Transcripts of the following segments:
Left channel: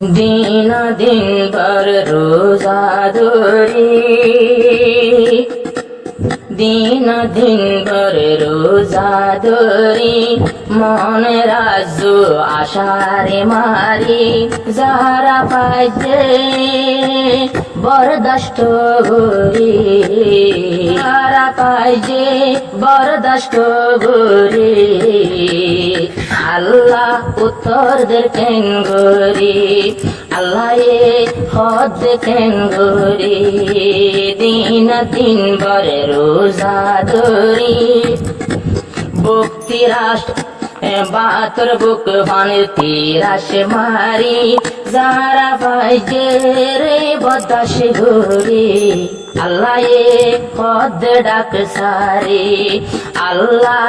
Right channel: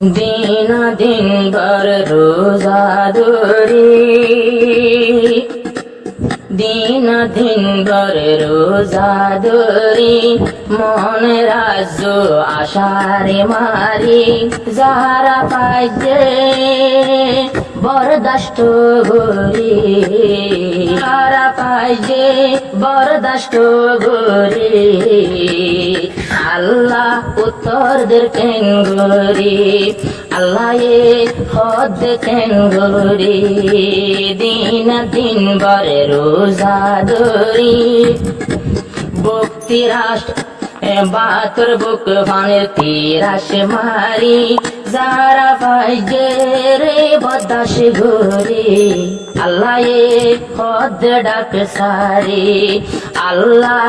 दिन दिन भर रोजा धरी दिन दिन भर रोजा धरी मन राजू आशारे मारी যারা পাইছে বরদাস্ত গরি যারা পাইছে বরদাস্ত গরি আল্লাহ উত্তরদের কেন গরি আল্লাহ এ হদ কেন গরি দিন দিন বরে রোজা ধরি ভক্তি রাষ্ট্র বাতর বুক ফানের তিরাস মারি যারা পাইছে রে বদাস গরি আল্লাহ এ হদ ডাক সারি আল্লাহ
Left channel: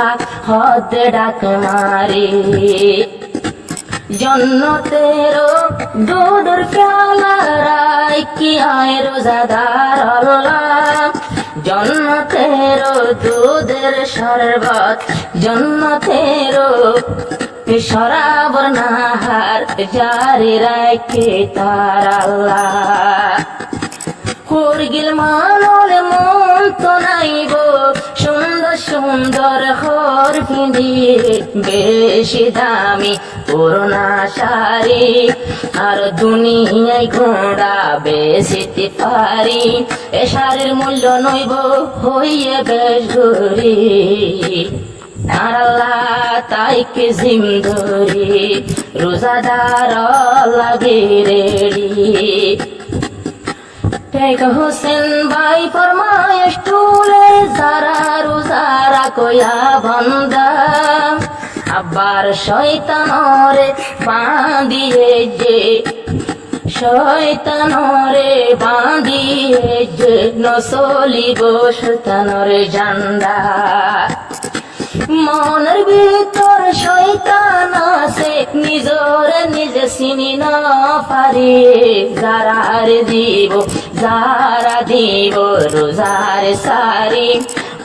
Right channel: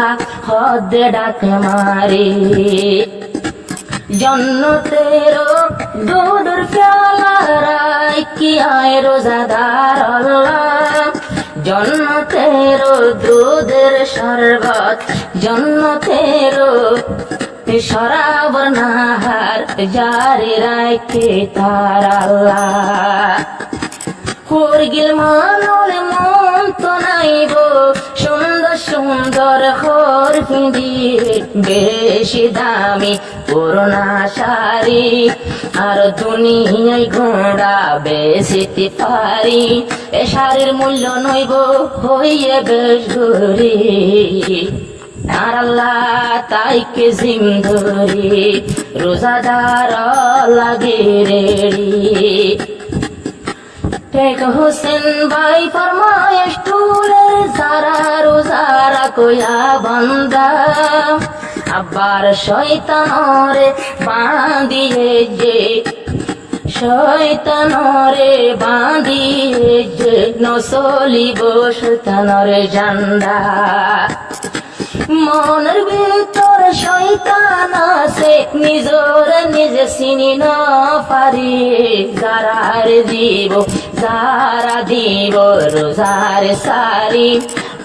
হদ ডাক মারি জন্নতেরো দুধর প্যালা রাই কি আয় রোজাদার আল্লাহ জন্নতেরো দুধের শরবত জন্নতেরো শরাবর নাহার জারি রাখে তার আল্লাহ হুরগিল মানলে মন তো নাইব সুন্দর সুন্দর হর পিঁধি বেশি দামি পুরোনা শাড়ি আর দুনিয়ায় ঘোড়া বেশিতে পারি এ শাড়ির মূল্য নইব হইয়ে বেশ গরি আর আল্লাহ তাইকে জিম ধরি রোজাদার লাগে রেড়ি টেক হোসেন ভাই ফরমায় স্টুলের যারা রোজারা কয়া বান্দা আবার শয়তানরে বাঁধিয়ে যে শয়তানরে বাঁধিয়ে যে নসলিব শয়তানরে জান্দা মনের ভিতর শয়তান আছে নিজর নিজে চিনি না পারি যারা দিব রোজার সারি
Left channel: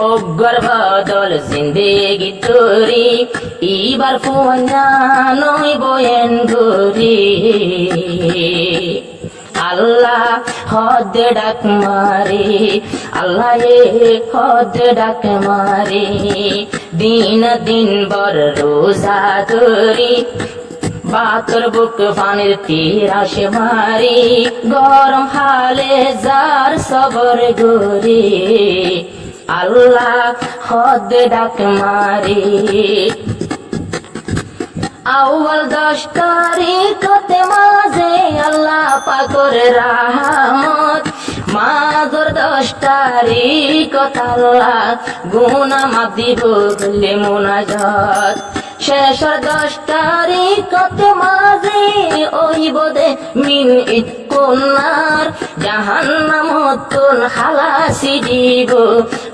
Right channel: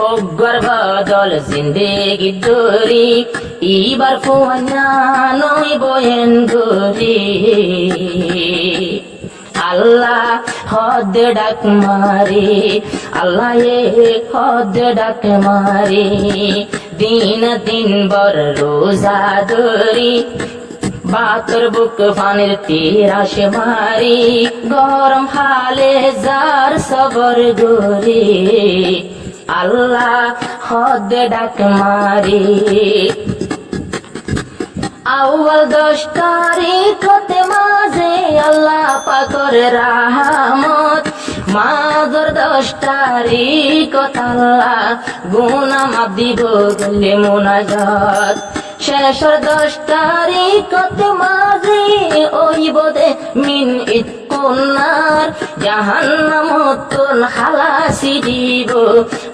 অগ্গর বদল জিন্দেগি দরি ইবার ফুয়ানা নই বয়েন গরি আল্লাহ হদ ডাক মারি আল্লাহ এ হদ ডাক মারি দিন দিন বর রোজা ধরি বাতর বুক ফানের তিরাস মারি গরম হালে যার সবর গরি আল্লাহ হদ ডাক মারি আউয়াল 10 তারিখতে মাঝে আল্লাহ পাকর রাহমত মাঝর 10 তারিখত আল্লাহ গুনাহ মাফ দিব গলে মুনাজাত শেষর 10 তারিখতে মাঝে ওইব দে মিন ইতকুনার জাহান্নামতুন হালাসি দিব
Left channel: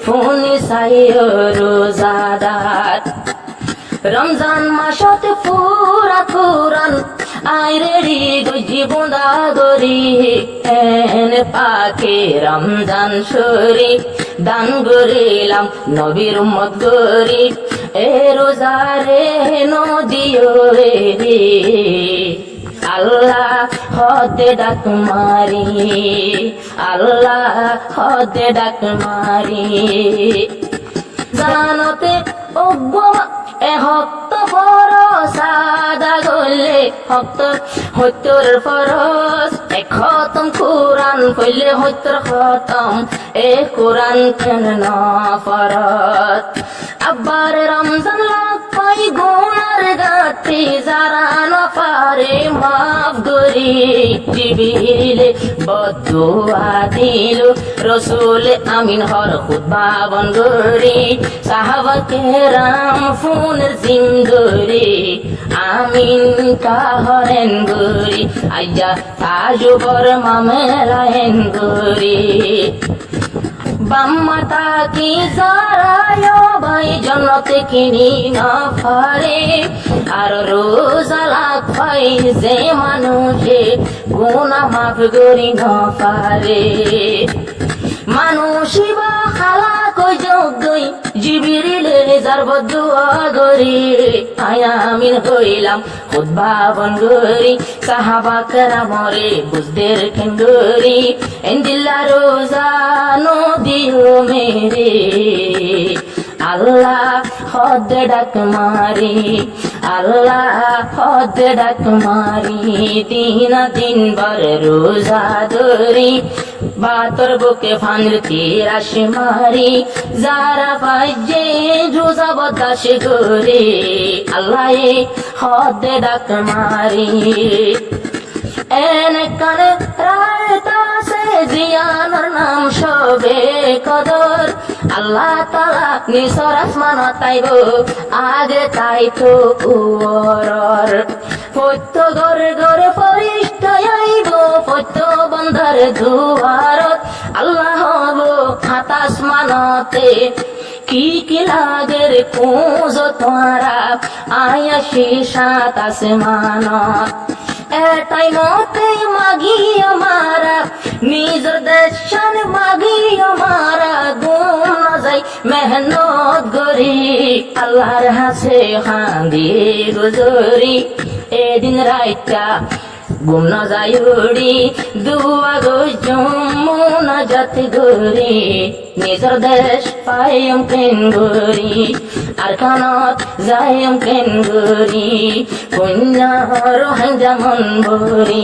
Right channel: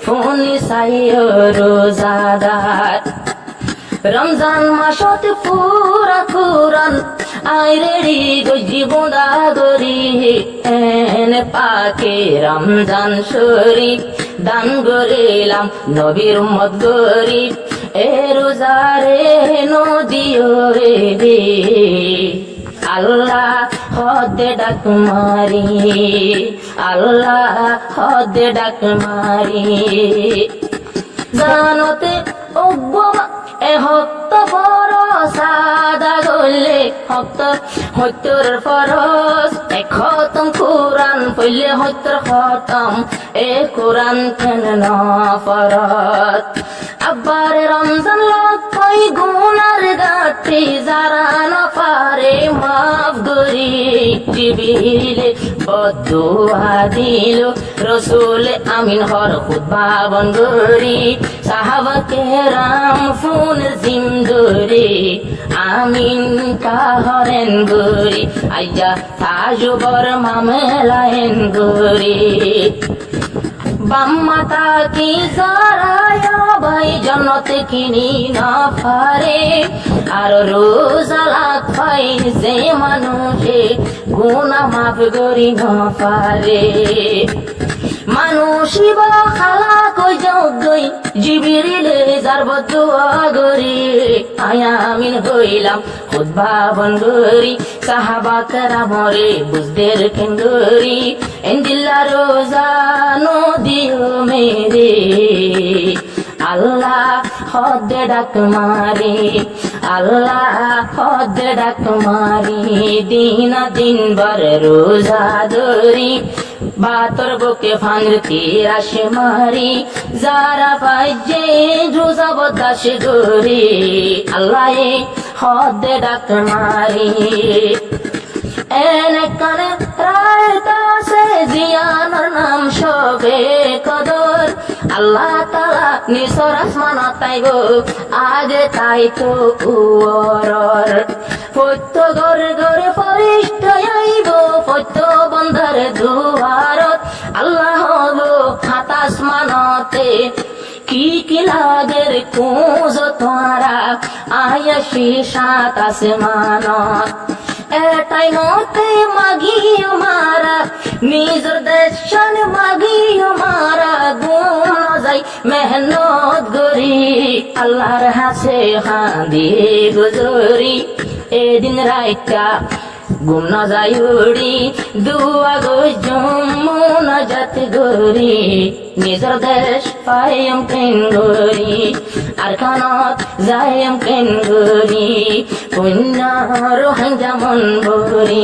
ফোনি সাইয় রোজাদার রমজান মাসতে পুরা কুরান আই রেডি গজি বোঁদা গরি এনে পাকে রমজান শরীফ দান গরিলাম নবীর উম্মত গরিব এ রোজারে নদিও রে আল্লাহ হদ ডাক মারি আল্লাহ হদ ডাক মারি জানতে ওগমা এ হক্ত ফরস আদা গলে হক্ত হত্যর ফরস এ খতম কোরআন পড়লে হত্যর খতম এ কোরআন কেন না ফরত আবার রমজান লাগ পাই গুনার গাঠি যারা না পারে মাফ গরি জিবিলে বদুয়া দিল রসুল আমিন হর খুতবা বন গরি সাহাবা কেরাম ফুনের জিম ধরি আমিন কাহরেন গরি আইয়া তাজুবর মামেলায়েন গরি বাম্মাতা কি যারায় ভাই জন্নতে কিনি না পারে আর রোজা লাগ পাই যে মানুষে গুনাহ মাফ করি না পারে মানুষই বা খালা কই যোগ্যই জিবিরিলে যার বদুয়া গরি আয়ামিন হইলাম খুতবা বন গরি সাহাবা কেরামরে বুঝদের কেঙ্গরি এন্দিল্লা রোজানো দিও মেরে আল্লাহ হদ ডাক মারি আল্লাহ হদ ডাক মারি দিনা দিন বার রোজা ধরি বাতর বুকে ফান্দ্র তীর আসে মারি যারা পাইজে রোজা বদাস গরি আল্লাহ হদ ডাক মারি এনে কানে রায়তাসে জিয়ানোর নাম সবে কদর আল্লাহ তালা নিসর আসমান তাইব আগে তাই তো উয়রর ফত্য গরে গরে ফরিষ্ট আইব ফত্য বন্ধার দুয়ারত আল্লাহ হলো হাত আসমানতে কি কি লাগে রে কুঁজ তোরা আয়াসি সাত আসমানত এটাই মতে মাগি আমারা নিজের দেশন মাগি আমারা গুম ন যাই মেহনত গরি আল্লাহর হাসে হাঁদি গুজরি এদিন রাইতা গুম ন যাই উড়ি দুয়া গো যমুনাজাত গরি নিজের দেশ পাইম কেন গরি আর কানত যাইম কেন গরি পুণ্য রোহাং যেমন ভরি